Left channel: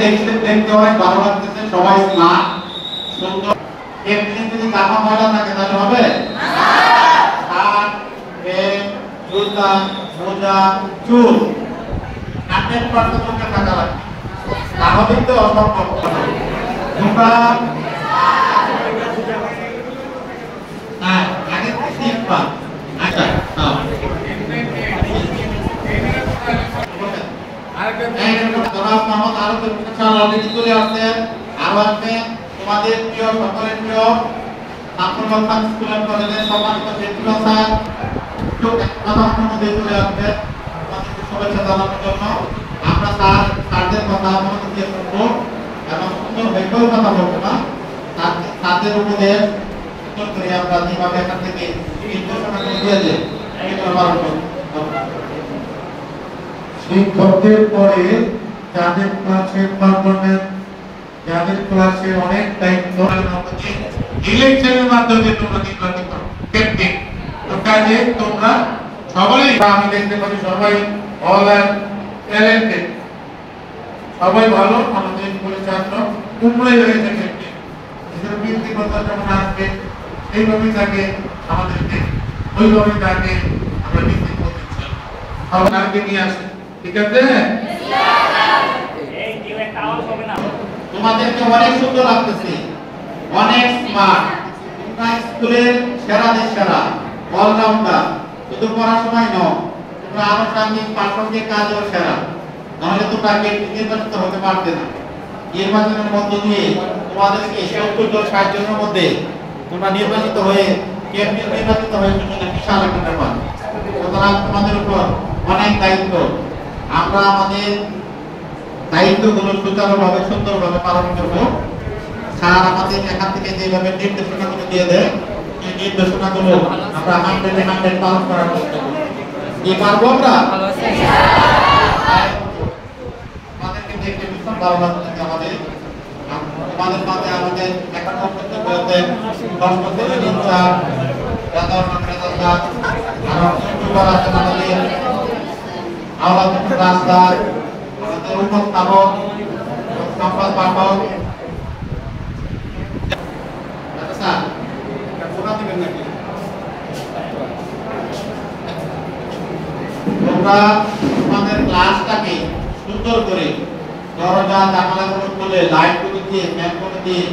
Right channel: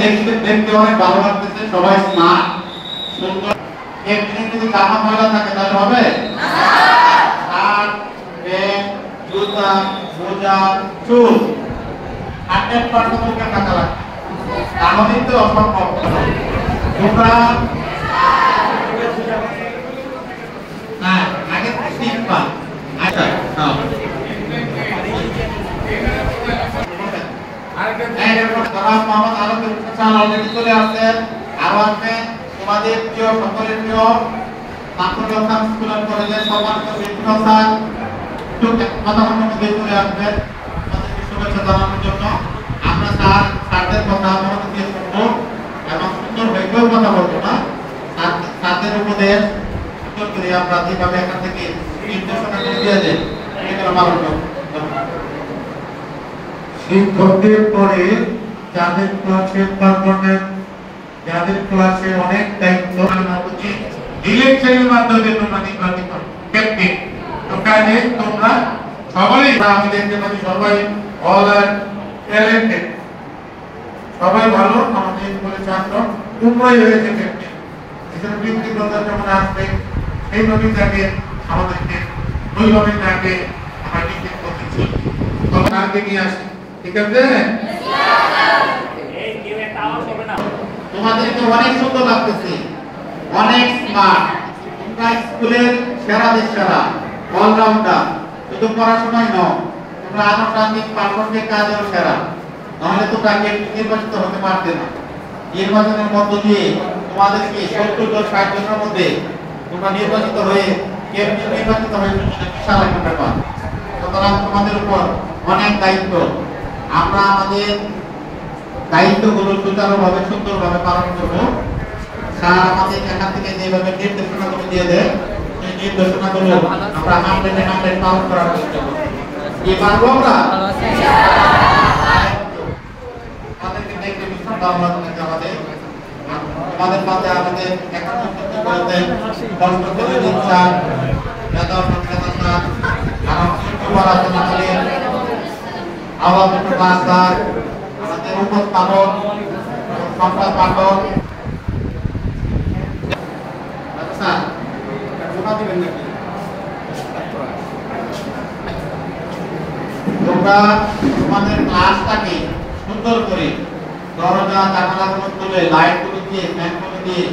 দেখতে দেখতে অনেক ভালো লাগতেছে, সবাই স্মার্ট সুন্দর। এমনি যদি জামা ময়লা থাকে তাহলে হবে না। শার্ট, প্যান্ট, জুতা, মোজা, চুল 100% ওকে টাকা লাগবে, তাহলে তো অসম্ভব। তোমরা আগে শিখবা। আচ্ছা তোমাদের প্রিয় সকলের প্রিয় ছাত্রবান্ধব স্কুলের কলেজের সম্মানিত শিক্ষকরা কথা চলে আসবেন তাদেরকে শুভেচ্ছা জানানোর জন্য। আমরা তাদের কথা মনোযোগ দিয়ে শুনবো এবং সুন্দর হইতেও কথা বলবো না, তাদের উপদেশ সুন্দর করে আমরা যেভাবে এখান থেকে নির্দেশনা করে দিয়ে যাই এগুলো পালন করবো। শিক্ষকদের পরে যাদের ক্লাসের পারফরম্যান্স, যাদের ক্লাসের অনেক দায়িত্ব ইলেকশনের মাধ্যমে তোমরা নির্বাচিত করো ক্যাপ্টেন। তো কাজে তোমরা সকলেই, আমি দেখতে পাচ্ছি সবাই অল আর ট্যালেন্টেড, সবাই ভালো। আমাদের স্কুলের ছাত্র তোমরাই হয়েছে ক্যাপ্টেন। এখানে ব্যক্তিগত যেমন আসবে সেইভাবেই তাকে আমাদেরকে ওইভাবেই তাকে আমরা ডিগ্রি করতেছি, সবাই আগে নিয়ে আসি। ঠিক আছে? তোমাদেরকে অনেক সুন্দর লাগতেছে, অনেক স্মার্ট। তোমরা স্কুলের সেরাদের সেরা, অলরাউন্ডার। শুধু পড়াশোনায় নয়, তোমরা আনুষ্ঠানিক প্রাসঙ্গিক কাজেও সেরা, নাহলে তোমরা নির্বাচিত হতে পারবে না। নির্বাচনের মধ্য দিয়ে তোমাদেরকে 70 জন 60 জনের মধ্যে তোমরা নির্বাচিত হয়ে ক্যাপ্টেন নির্বাচিত হয়ে বিশাল একটা ব্যাপার। সুতরাং তোমাদের উপর অনেক দায়িত্ব। আমরা আমাদের দায়িত্বগুলো সুচারুভাবে সুন্দরভাবে পালন করব। স্যার আমাদের এখান থেকে যেভাবে নির্দেশনাগুলো দিয়ে দেয় এই নির্দেশনাগুলো আমরা 100% পালন করার চেষ্টা করব। কি পারবো আমরা? আমাদেরকে দেখতে ভীষণ ভালো লাগছে। আমাদের মাঝে আমাদের এখন পর্যন্ত বলতে সংস্কৃতির ইনচার্জ বেতন স্যার, আমার ইউটিউবার আছেন আমাদের আওয়াজ ক্লাসদার, আমাদের উপস্থাপক সংবাদ পাঠক। আচ্ছা তোমরা তোমাদের ক্লাসটাকে সুন্দর করে দরজা জানালাগুলো খুলে লাইটগুলো দিয়ে ফ্যানগুলো দিয়ে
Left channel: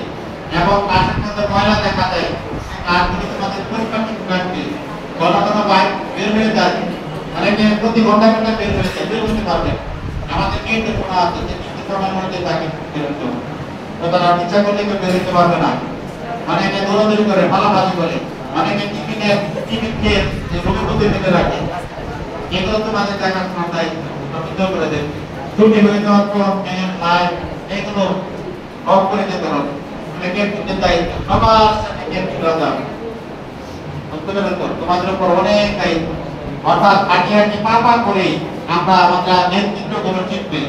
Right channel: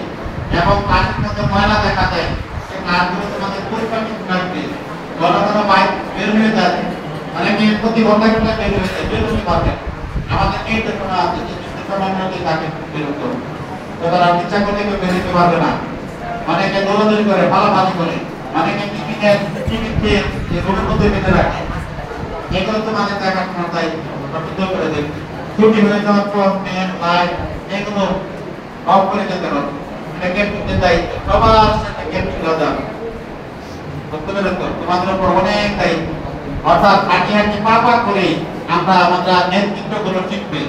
এবং ক্লাসের মধ্যে ময়লা দেখা যায় সেই ক্লাসগুলো তোমাদের পরিষ্কার রাখবে। ঘন বাইক বের হয়ে যাবে, অনেকে প্রতি ঘন্টায় ঘন্টায় বের হয়ে যায়, বের হতে পারবে। আমাদের নির্দেশনা আছে যে সময়ের মধ্যে তাকে বের হতে হবে। তারা ইচ্ছা করলে কেউ বের হতে পারবে না। অনেকে দৌড়াদৌড়ি করে, পালাপালি করে, অনেকে টিকিট খেয়ে যে রুমের মধ্যে বেঁধে রাখে। এগুলো তোমাদের দেখাশোনার দায়িত্ব, সুন্দর করে দেবে। ছুটি হয়ে যাওয়ার পর ফ্যান লাইট এগুলো অফ করে যেতে হবে। ক্যাপ্টেনের দায়িত্ব সবার সাথে ক্যাপ্টেন রাজা তোমাদের উপর অনেক দায়িত্ব। অর্থাৎ হাঁটি হাঁটি পা করে আমরা আমাদের নেতৃত্ব গুলো শিখবে।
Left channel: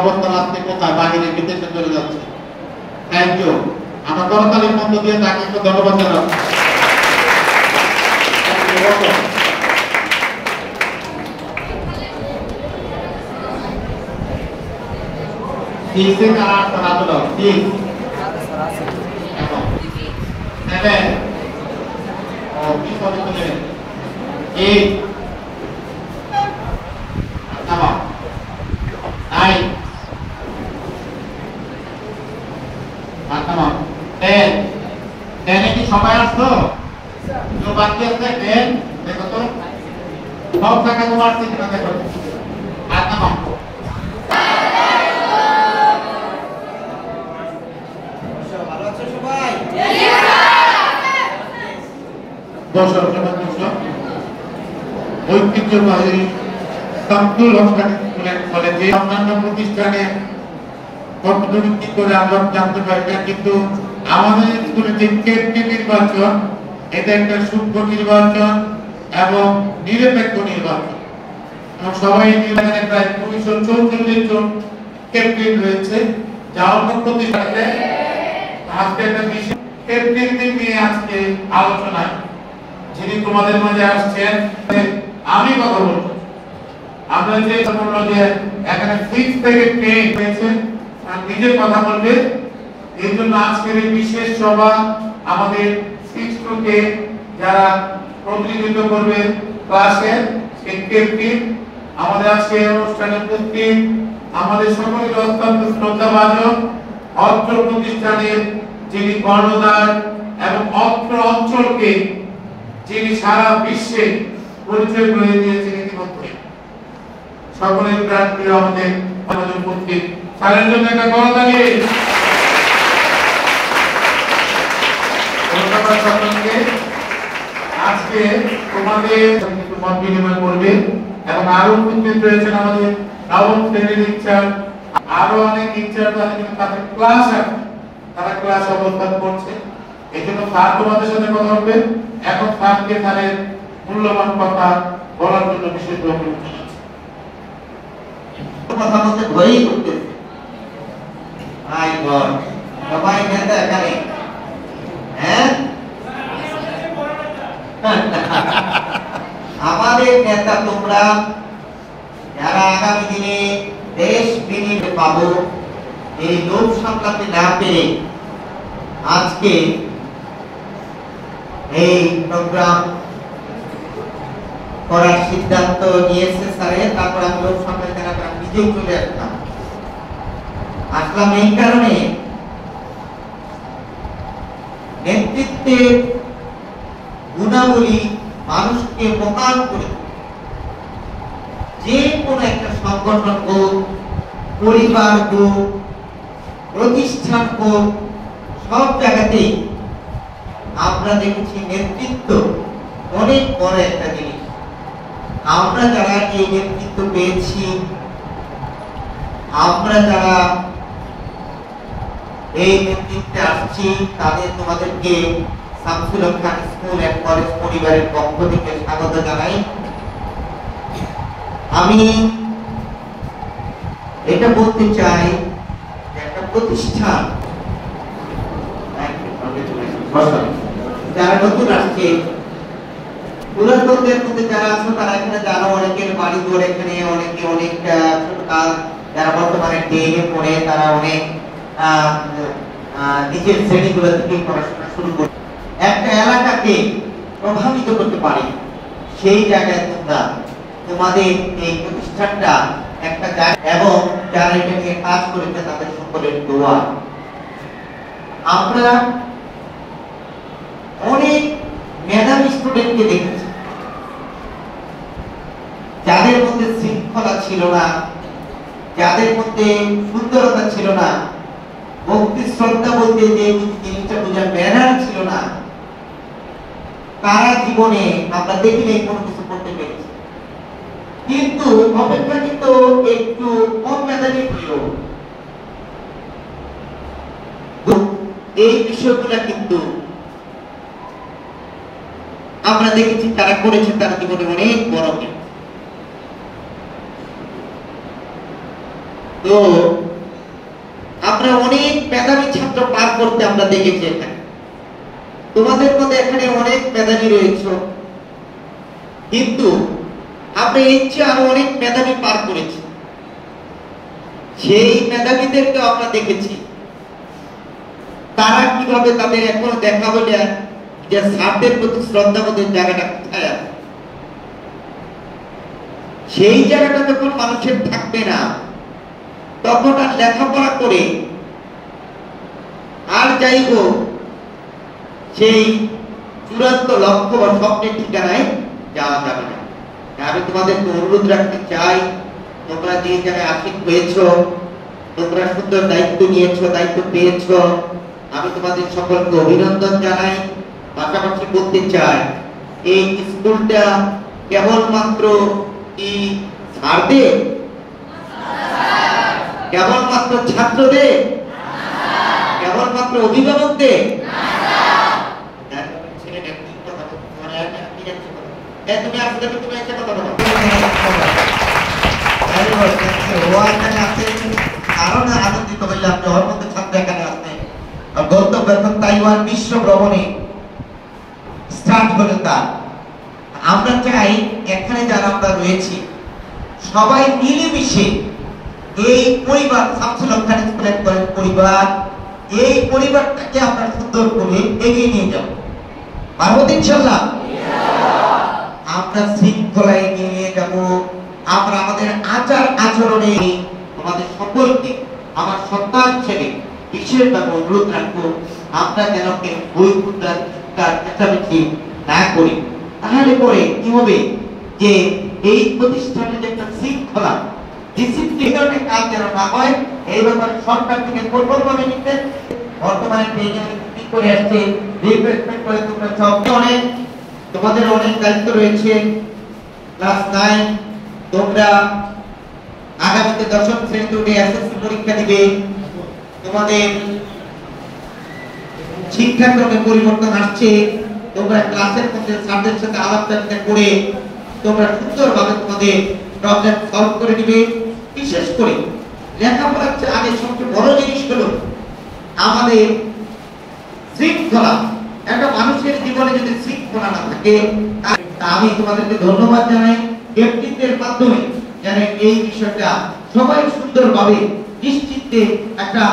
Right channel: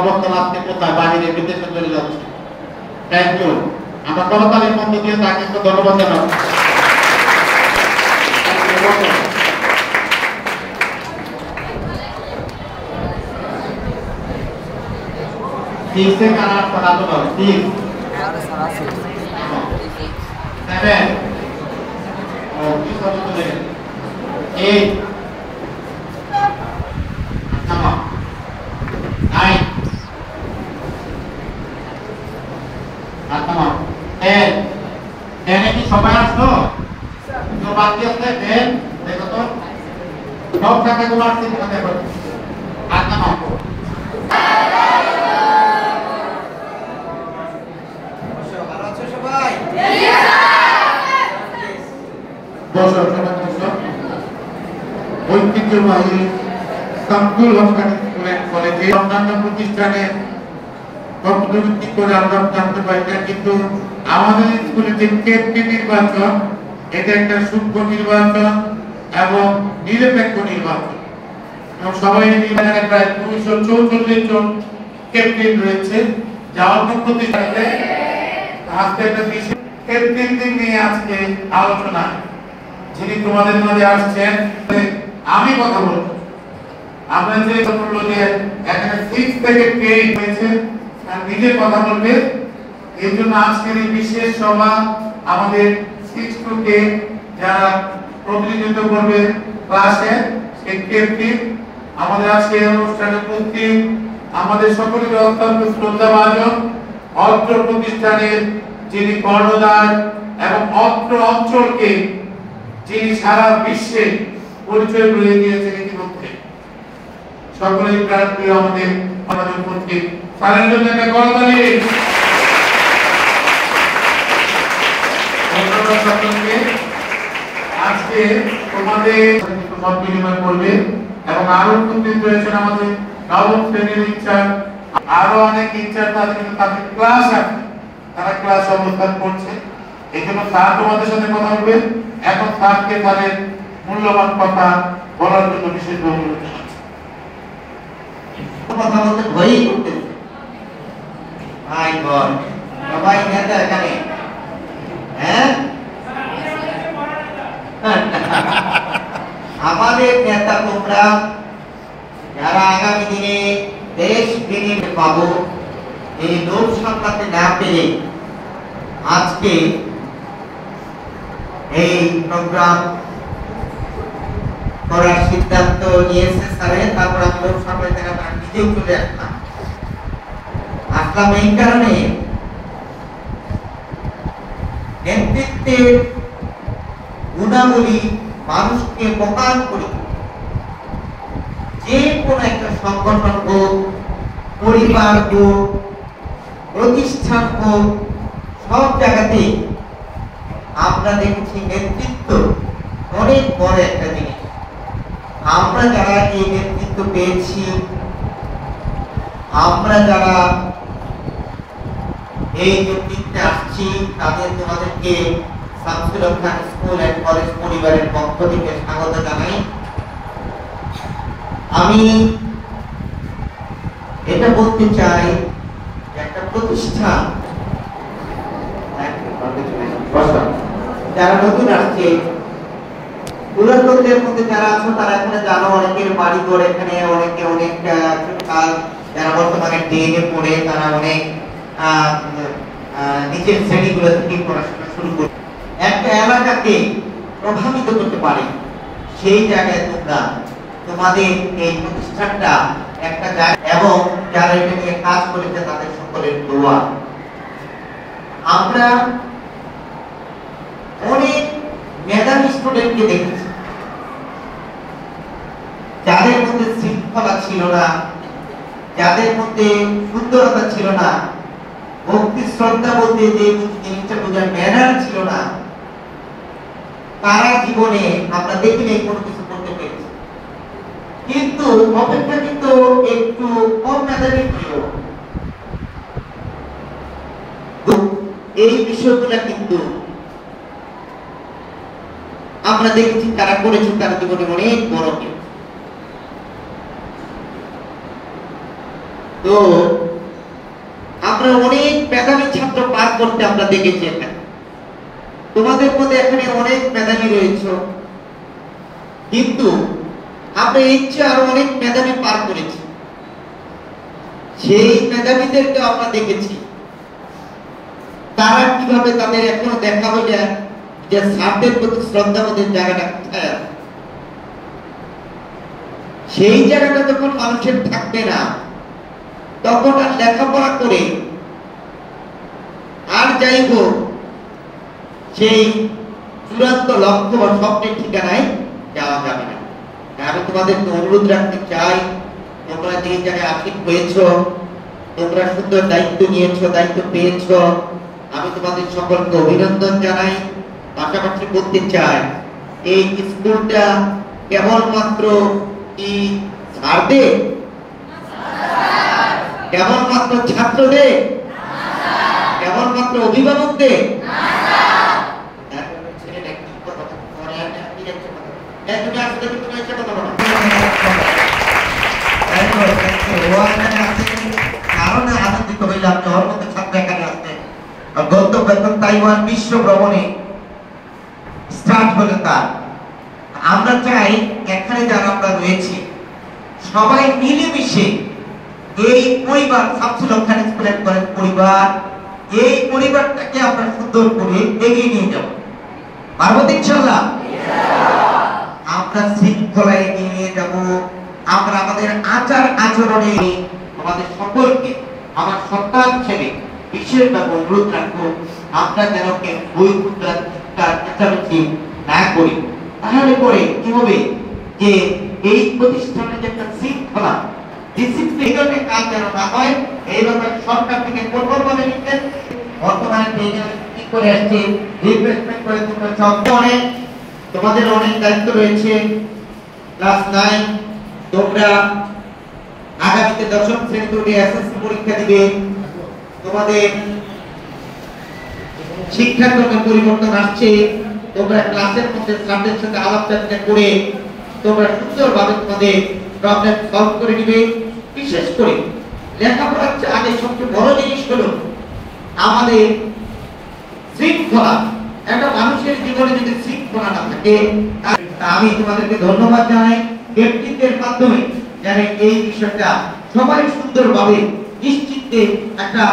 অবস্থান আজকে কোথায় বাহিরে বিদেশে চলে যাচ্ছে। Thank you. আমরা করতালির মধ্য দিয়ে তাকে একটু ধন্যবাদ জানাবো। সবাই আসতো বাকি আছে দেখো তো সব জায়গায় তোমার দেখো আর নাম ঐতিহ্যবাহী শামসুল হক কলেজে অন্যান্য প্রতিষ্ঠানে কর্মসূচি করে আমরা জানতে পারবেন। কিন্তু আমাদের স্কুলে যে ক্যাপ্টেন নির্বাচন, এটা একটা সূক্ষ্ম নির্বাচন এবং নিরপেক্ষ নির্বাচন। এবং সবাই মিলে প্রায় 244 জন ক্যাপ্টেন রয়েছে, যা অন্য প্রতিষ্ঠানে আজকে একটা বিশেষ ক্যাপ্টেনদের নিয়ে আজকে আলোচনা। যিনি তোমাদের মাঝে আসছেন আমি কথা বলবো। আমরা যে এখানে 6 থেকে 10 হয়েছে আর নিজে কথা বলবে। এই জন্য আজকের এই বিশেষ সভা আমাদের শিক্ষককে যারা প্রতিনিধিত্ব করবে ক্লাসে শিক্ষার্থী, আমাদের আজকে অনুষ্ঠানে উপস্থিত আমাদের সকলের অত্যন্ত শ্রদ্ধাভাজন অত্র প্রতিষ্ঠানের যিনি কর্ণধার এবং অত্র অঞ্চলকে যিনি সারা বিশ্বে পরিচয় করে দিয়েছেন ইতিমধ্যে, সকলের প্রাণপ্রিয় আমাদের উপস্থিত তাদের জন্য একটা করতালি। আজকে তোমাদের মত বিনিময় করবে এবং আরো উপস্থিত রয়েছেন আমাদের নবম শ্রেণীর ইনচার্জ, আরো অনেক ইনচার্জ তাদের ক্লাস আছে, তারা ক্লাস অবস্থান করছে। এই জন্য স্যার তোমাদের সাথে কথা বলবেন। এখন স্যারকে তাদের মূল্যবান কথা বলার জন্য বিশেষ অনুরোধ জানাচ্ছি। কথা বলতে ভয়ই করতেছে। মাই গড, সবাই নেতা এখানে, হ্যাঁ আমাদের নেতা তোমরা যারা আগামী দিনে দেশ বিনিয়োগ পাবো, এই লোক সামলাতে না পেরে আজকে এই প্রোগ্রাম করার সিদ্ধান্ত নিয়েছে স্যারে। তারপর আমি লোক সামলাতে না পারি নিজেও চলে আসলাম এই কারণে নেতৃত্বের গুণাবলী মানুষকে প্রকাশ করে যে কোনো একটা সংগঠন হোক, পরিবার হোক, প্রতিষ্ঠান হোক, সব জায়গাতে আমরা দেখেছি নেতৃত্ব অনেক বড় একটা জিনিস। আমরা যারা এই নেতৃত্ব পেয়েছি, আমরা যারা এই নেতৃত্বে আসছি, তোমাদেরকে শামসুল হক খান স্কুল এন্ড কলেজ পরিবারের পক্ষ থেকে স্বাগত জানাই। আমি এটা বলতে চাই যে একটা প্রতিষ্ঠান যারা নতুন আসছে, পুরাতনদের মধ্যে যারা আছে তারা এখানে জানো, অনেকের বাড়ি ঘর এখানে, অনেকে অনেক কাজ, যারা বর্তমানে টেনে পড়ে তারা অনেক নিজের শ্রেণীগুলো থেকে পড়াশোনা শুরু করে একটা এলাকাকে প্রভাবিত করতে পারে। সেই জায়গায় তোমরা তোমাদের এই প্রতিষ্ঠানটা একটা জায়গা, এবং যারা এটা নিয়ে কাজ করেছে তাদের সকলের দোয়া। আমরা অনেক মেধাবী স্টুডেন্টকে দেখেছি যাদের মধ্যে শৃঙ্খলা ছিল না, যাদের মধ্যে সুন্দরতা ছিল না, ভক্তি শ্রদ্ধা বলতে যে জিনিসটা বোঝার ম্যানার ছিল না, তারা জীবনে আমরা দেখিনি কোনো কিছু করতে পেরেছে। কিন্তু অপেক্ষাকৃত একটু কম মেধাবী ছিল, এই বিষয়গুলো কিন্তু আমরা দেখেছি তারা করেছে তার জীবনে অনেক বড়। তো আমরা অনেক মেধাবী ছাত্র পার করতে আমরা দেখেছি এখানে। তোমাদের মধ্যে এখানে অনেক মেধাবী রয়েছে, কিন্তু আমরা ইচ্ছে আরো অনেক মেধাবী পার করেছি। সেই মেধাবীদেরকে আমরা দেখেছি তারা কিভাবে তাদের এখনো দেখাবো যে স্যারদের প্রতি শ্রদ্ধাবোধের জায়গাটা কোথায় আছে। সেই জায়গাটা যখন মানুষের থাকবে না, তখন আর লেখাপড়া করে আর যাই হোক সেই চূড়ান্ত লক্ষ্য বা স্বপ্নের ঠিকানায় যাওয়া যাবে না। আমি তোমাদেরকে অনুরোধ রাখতে চাই, তোমরা যে জায়গায় আশিক হয়েছ, তোমরা সুন্দর দায়িত্ব নিয়েছ, দায়িত্ব পেয়েছ, আমি তোমাদের সকলকে অভিনন্দন জানাই। পাশাপাশি বলতে চাই, এই স্কুলটা কেবলমাত্র কি স্যারদের, কেবলমাত্র ছাত্রদের, কেবলমাত্র অভিভাবকদের, তুমি আসলে কিন্তু একটা কথা বলো কারণে আনন্দিত হইলে আপনি ওর মধ্যে ছাত্র এখানে আসতেন। গন্তব্য তাইওয়ান বিশ্ব ভ্রমণে স্টার্ট হলো তার। আমরা চাই এখানে যারা আমরা রয়েছি সবাই মিলেমিশে এই পরিবার শামসুল হক খান স্কুলের পরিবার, এই পরিবারটাকে আমরা সুন্দর করে এগিয়ে নিয়ে যাব। পারবো ইনশাআল্লাহ? আমরা শৃঙ্খলা এগিয়ে নিয়ে যাব। আমরা আমাদের আচার আচরণে আমাদের সকলকে আমার সন্তান ছেলে বিশেষভাবে অনুরোধ রাখবো, আমরা যেন বই চেঁচামেচি না করি। তাহলে পরে কি হবে যে এই প্রতিষ্ঠানে যে একটা শৃঙ্খলা ডিসিপ্লিনের কাজ যেন না হয়, এই ব্যাপারে সরকার থেকে কঠোরভাবে নির্দেশ বর্তমানে কি করে আসছে, রিপ্লেসমেন্ট করে তোমরা সব অনেক, তোমাদের অনেক দায়িত্ব রয়েছে। ক্লাস 9 তোমরা আগামীতে 10ম শ্রেণীতে উঠে এসএসসি পরীক্ষা দিবে। তোমাদের শিক্ষাক্রমে পরিবর্তন আসছে। তোমরা ক্লাসের মধ্যে স্যারদের সাথে আলাপ-আলোচনা করে তোমরা সুন্দরভাবে তোমাদের প্রবলেম সলভ করে দিবে। বিশেষ করে লেখাপড়ার আগে সবচেয়ে বড় জিনিস হলো আমাদের শৃঙ্খলা। একটা মানুষের জীবনে যদি শৃঙ্খলা না থাকে, আমি তোমাদেরকে ধন্যবাদ জানাই ব্যক্তিত্বের মাধ্যমে যারা এই বিষয়টা সবাই সুন্দরভাবে নিশ্চিতে একটা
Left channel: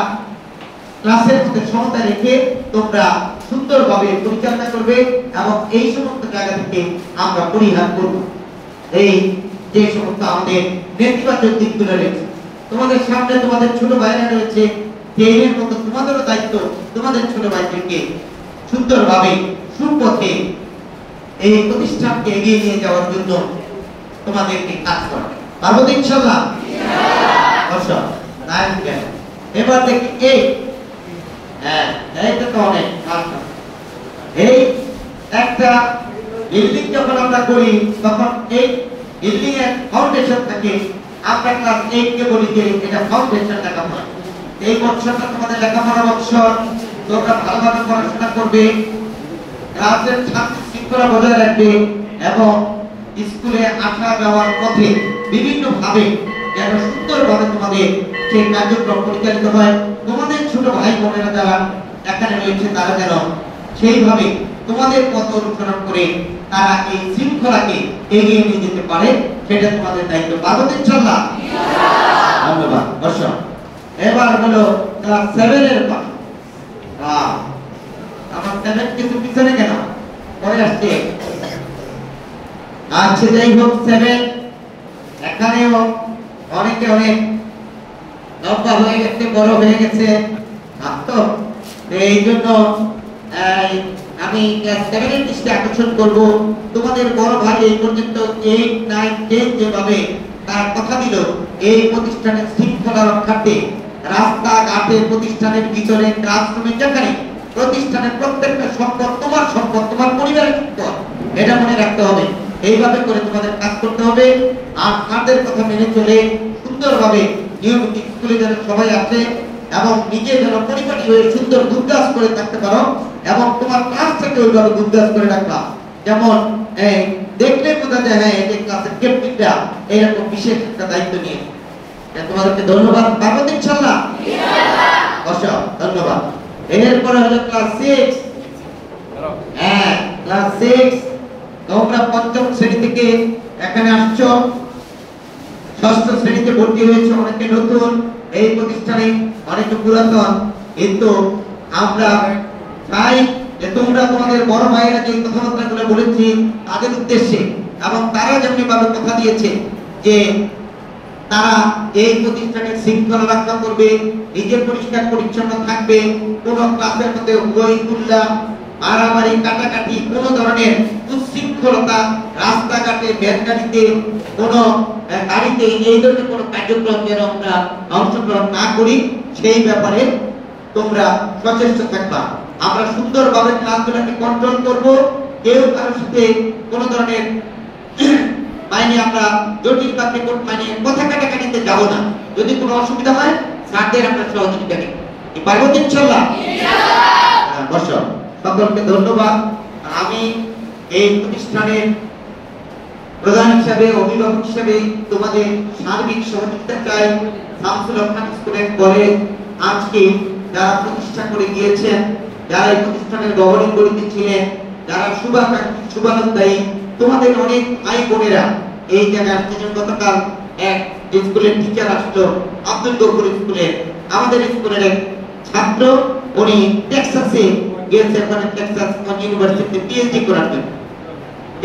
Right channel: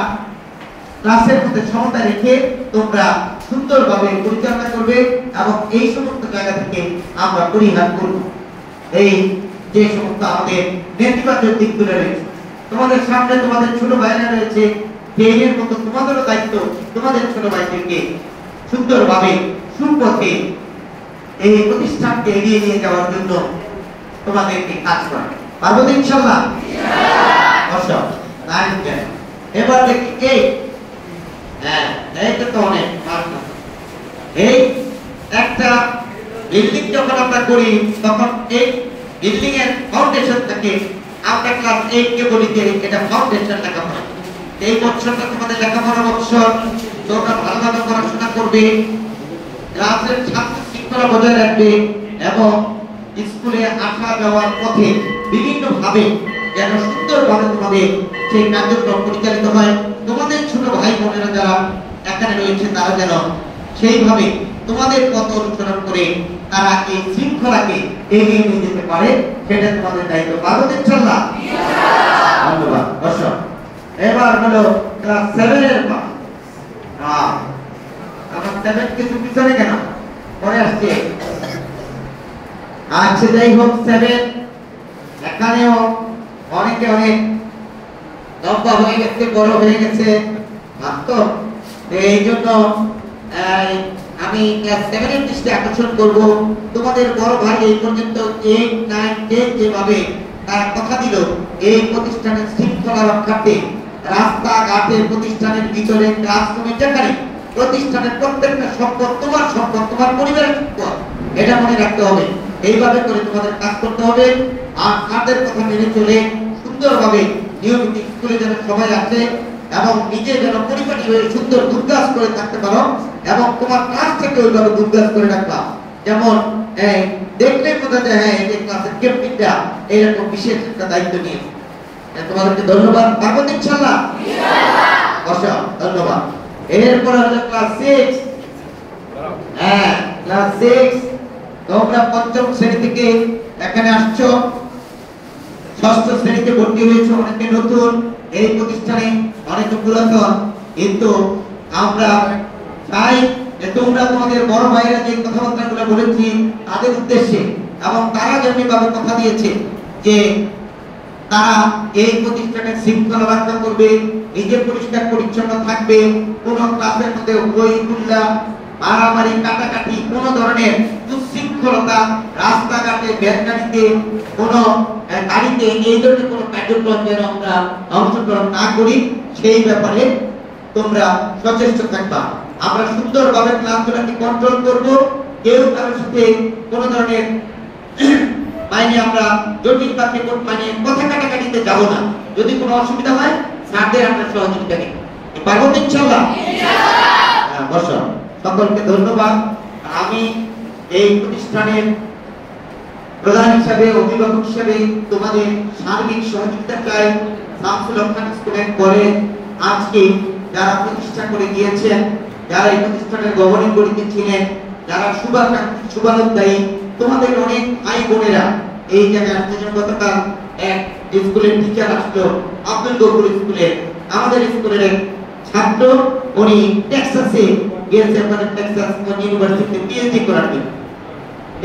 ক্লাসের মধ্যে সমতা রেখে তোমরা সুন্দরভাবে পরিচালনা করবে এবং এই সমস্ত জায়গা থেকে আমরা পরিহার করব এই যে সমস্ত আমাদের নেতিবাচক দিকগুলো রয়েছে। তোমাদের সামনে তোমাদের ছোট ভাইরা রয়েছে, এর মতো তোমাদেরও দায়িত্ব তোমাদের ছোট ভাইদেরকে সুন্দরভাবে সুপথে এই প্রতিষ্ঠানকে এগিয়ে নিয়ে যাওয়ার জন্য তোমাদেরকে কাজ করবে। পারবো তো ইনশাআল্লাহ? দর্শক এবার দেখি তো অনেক এই একটা বিল্ডিং যখন আমরা করি তখন এই বিল্ডিং এর ফাউন্ডেশন থাকে। আমরা ক্লাস 8 কে বলি যে এটা ফাউন্ডেশন লেখাপড়া। এই বছরটা তোমাদের লেখাপড়া বছর, তোমরা ভালোভাবে পড়াশোনা করবে, ক্লাসের ছাত্র শৃঙ্খলা বজায় রাখবে এবং স্কুলে আসা যাওয়ার পথে বিভিন্ন ভাবে যেন সুন্দরভাবে তোমাদের সেই কার্যক্রম পরিচালিত হয়। তোমাদের ছোট ভাই বোনেরা যারা এখানে রয়েছে তারা যেন সেইভাবে তোমাদের পথ অনুসরণ করে তারা এই শৃঙ্খলাকে এগিয়ে নিয়ে যেতে পারে, সেটা তোমাদের দায়িত্ব। পারবো ইনশাআল্লাহ? ধন্যবাদ। দর্শক এবার হলো ক্লাস 7 এর পাঠ। আমার 7 কিছু পিছনে কেন পরে আসছে? আচ্ছা যাই হোক, 7 এখানেও অনেকে অনেক লম্বা হয়ে গেছে, বড় হয়ে গেছে তো এই জন্য আমি ক্লাস 7 এর দৃষ্টি আকর্ষণ করব। তোমাদের বড় ভাই এই পর্যন্ত 8, 9, 10 যেভাবে তার কথা দিল এই প্রতিষ্ঠানের শৃঙ্খলা রক্ষার্থে রাস্তাঘাটে, প্রতিষ্ঠানের ভিতরে, ক্লাসরুমে, যেখানে প্রতিষ্ঠানের প্রত্যেকটা সম্পদ তোমার সম্পদ, তোমার পরিবারের সম্পদ, এটা মনে রাখতে হবে। এইভাবে করে তোমাদের কাজ করতে হবে আর তাদের কথা মেনে চলে সুন্দরভাবে নিয়মিত স্কুলে যেন সবাই আসে এবং নিজে যেন পরিপাটি হয়ে সুন্দর গুজগাছ করে থাকতে পারো এবং তোমার ক্লাস থেকে ওইভাবে গুজগাছ করে রাখবা। যেমন দেখলে বোঝা যায় হ্যাঁ এই ক্লাসের ক্যাপ্টেনটা এরকম বিশেষ একটা দায়িত্ব নিয়ে। তোমাদেরকে ধন্যবাদ। পারবো ইনশাআল্লাহ? ইনশাআল্লাহ। ধন্যবাদ। এরপরে হলো ক্লাস 6। ক্লাস 6 তোমরা 5ম শ্রেণী থেকে এখানে আসছো, 6ষ্ঠ শ্রেণীতে ভর্তি হয়েছো। অনেকে নতুন এই প্রতিষ্ঠানে, অনেকে পুরাতন, কিন্তু আমরা চাই যে তোমরা তোমাদের বড় ভাইয়েরা যে কথাবার্তাগুলো বলেছি তাদের উদ্দেশ্যে এবং তারা যেমনিভাবে কথা দিয়েছে যে তারা এই প্রতিষ্ঠানের শৃঙ্খলা রক্ষা করবে, নিজে পরিষ্কার পরিচ্ছন্ন থাকবে, কোন ক্লাসের মধ্যে বই গুল্লা, মারামারি, কাটাকাটি, কোন ধরনের উচ্ছৃঙ্খলতা, রাস্তাঘাটে, ভ্যানগাড়িতে, কোন গাড়িতে এই ধরনের কোন কার্যক্রম যেন আমরা অংশগ্রহণ না করি, সেই ব্যাপারে তোমরা সচেষ্ট থাকবা। আমরা সুন্দরভাবে ক্লাসগুলোকে কন্ট্রোল করব। কেউ কারোর সাথে কোন ধরনের মাইনে আমরা জটিল বা পেপট মাইনে কথা কাটাকাটিতে যাব না। যদি কোনো অসুবিধা হয় স্যারদের আমরা সহযোগিতা নিই। পারবো তো ইনশাআল্লাহ? ইনশাআল্লাহ। বসো। সকলকে ধন্যবাদ। আমি এই প্রতিষ্ঠানের প্রধান হিসাবে, অভিভাবক হিসাবে তোমাদের সার্বিক সহযোগিতা চাই। শামসুল হক খান স্কুলের কলেজ আজকে যারা প্রতিষ্ঠা করে গিয়েছেন, যারা এই প্রতিষ্ঠানের গভর্নিং বডিতে ছিলেন, যারা শুভানুধ্যায়ী, তোমাদের অনেক ভাই বোনেরা এই জায়গায় আসছেন। গতকাল এক স্কুলের টিচার আসলো, আব্দুল গফুর স্কুলের আমাদের স্কুলের এক ছাত্র, উনি টেক্সাসে গিয়েছে, ওখানে টেক্সাস ইউনিভার্সিটিতে পিএইচডি করার জন্য,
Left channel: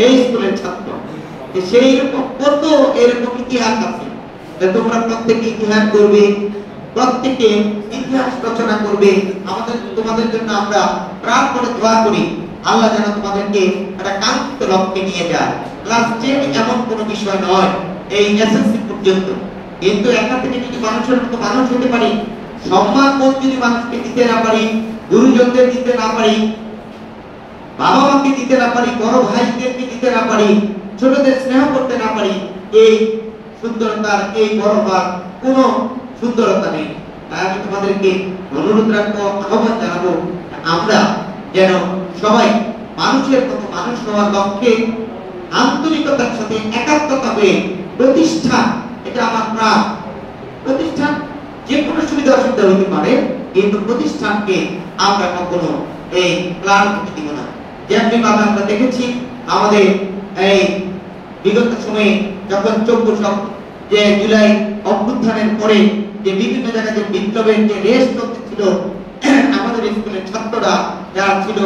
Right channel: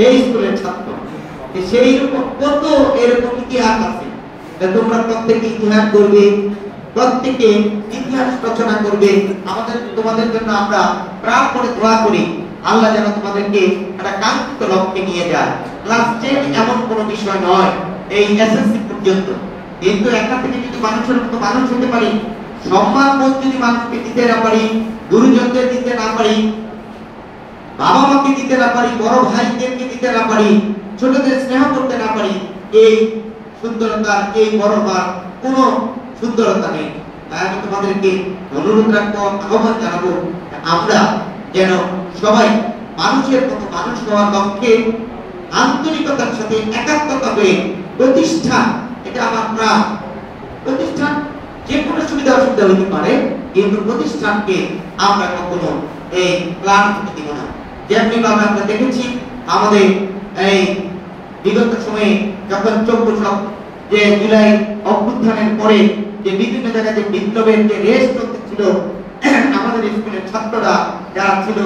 এই স্কুলের ছাত্র। সেই রকম কত এরকম ইতিহাস আছে, তোমরা প্রত্যেকে ইতিহাস করবে, প্রত্যেকে ইতিহাস রচনা করবে। আমাদের তোমাদের জন্য আমরা প্রাণ করে দোয়া করি, আল্লাহ যেন তোমাদেরকে একটা কাঙ্ক্ষিত লক্ষ্যে নিয়ে যায়। ক্লাস 10 এমন কোনো বিষয় নয়, এই এসএসসি পর্যন্ত। কিন্তু এখান থেকে যদি মানুষের মতো মানুষ হতে পারি, সম্মান বোধ যদি মানুষকে দিতে না পারি, গুরুজনদের দিতে না পারি, বাবা মাকে দিতে না পারি, বড় ভাইদেরকে দিতে না পারি, ছোটদের স্নেহ করতে না পারি, এই সুন্দরতার, এই বড়তার কোনো সুন্দরতা নেই। তাই আমি তোমাদেরকে অনুরোধ রাখবো, আহ্বান জানাবো, আমরা যেন সবাই মানুষের মতো মানুষ হওয়ার লক্ষ্যে আন্তরিকতার সাথে একাত্মতা হয়ে প্রতিষ্ঠান, এটা আমার প্রাণ। প্রতিষ্ঠান যে কোনো সুবিধা অসুবিধা হতে পারে, কিন্তু প্রতিষ্ঠানকে আমরা কখনো এই প্ল্যান করতে দিব না। যেমনি ভাবে আমরা দেখেছি আমাদের এই বিগত সময়ে যখন 14 যে জুলাই অভ্যুত্থানের পরে যে বিভিন্ন জায়গায় যে বিপ্লবের যে রেস চলতেছিল, আমাদের স্কুলের ছাত্ররা যারা ছিল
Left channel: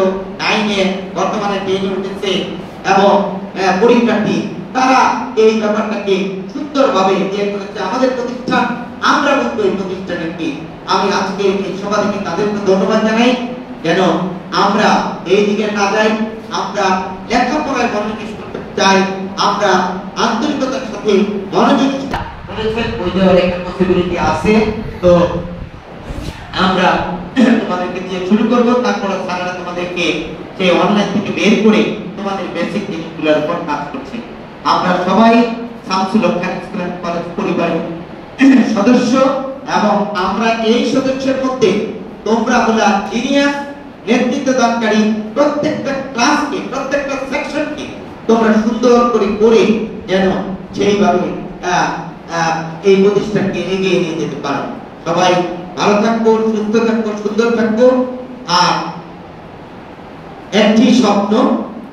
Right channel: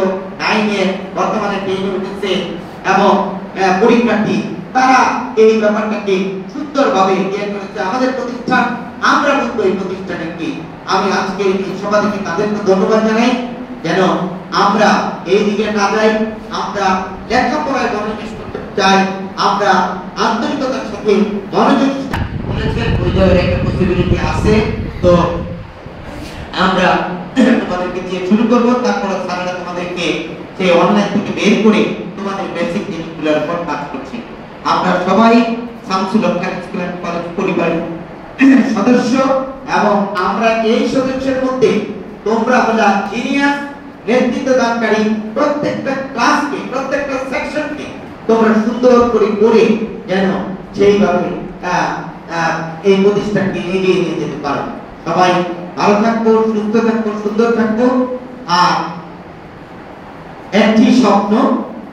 9-এ, বর্তমানে 10-এ উঠেছে এবং পরীক্ষার্থী, তারা এই ব্যাপারটাকে সুন্দরভাবে বের করেছে। আমাদের প্রতিষ্ঠান, আমরা বলবো এই প্রতিষ্ঠানের কি, আমি আজকে এই সভা থেকে তাদেরকে ধন্যবাদ জানাই, যেন আমরা এই দিকে না যাই, আমরা লেখাপড়ায় মনোনিবেশ করতে চাই, আমরা আন্তরিকতার সাথে মনোযোগ বলেছেন ওই যে একটা পসিবিলিটি আছে। তো আমরা তোমাদেরকে দিয়ে শুরু করব, তারপর স্যারেরা তোমাদেরকে সেই অনলাইন থেকে বের করে তোমাদের বেসিক জিনিসগুলোর উপর কাজ করছে। আমরা সবাই শামসুল হক স্কুল এন্ড কলেজ পরিবারের সদস্য, এবং আমরা এই সদস্যের মধ্যে তোমরা হলো জিনিয়াস, নেতৃত্ব দানকারী। প্রত্যেকটা ক্লাসকে, প্রত্যেকটা সেকশনকে তোমরা সুন্দর করে করে যেন সেইভাবে এই প্রতিষ্ঠানকে এগিয়ে নিয়ে যেতে পারো। সবাই ভালো থাকবো, সুস্থ থাকবো, সুন্দর থাকবো। আর একটি স্বপ্ন,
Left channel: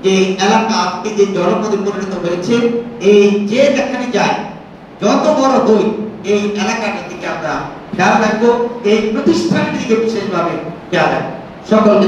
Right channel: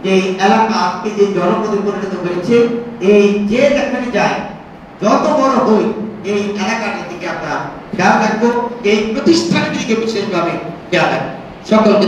যে এলাকা আজকে যে জনপদে পরিণত হয়েছে, এই যে যেখানে যায়, যত বড় হই, এই এলাকার দিকে আমরা খেয়াল রাখবো, এই প্রতিষ্ঠানের দিকে বিশেষভাবে খেয়াল রাখবো। সকলকে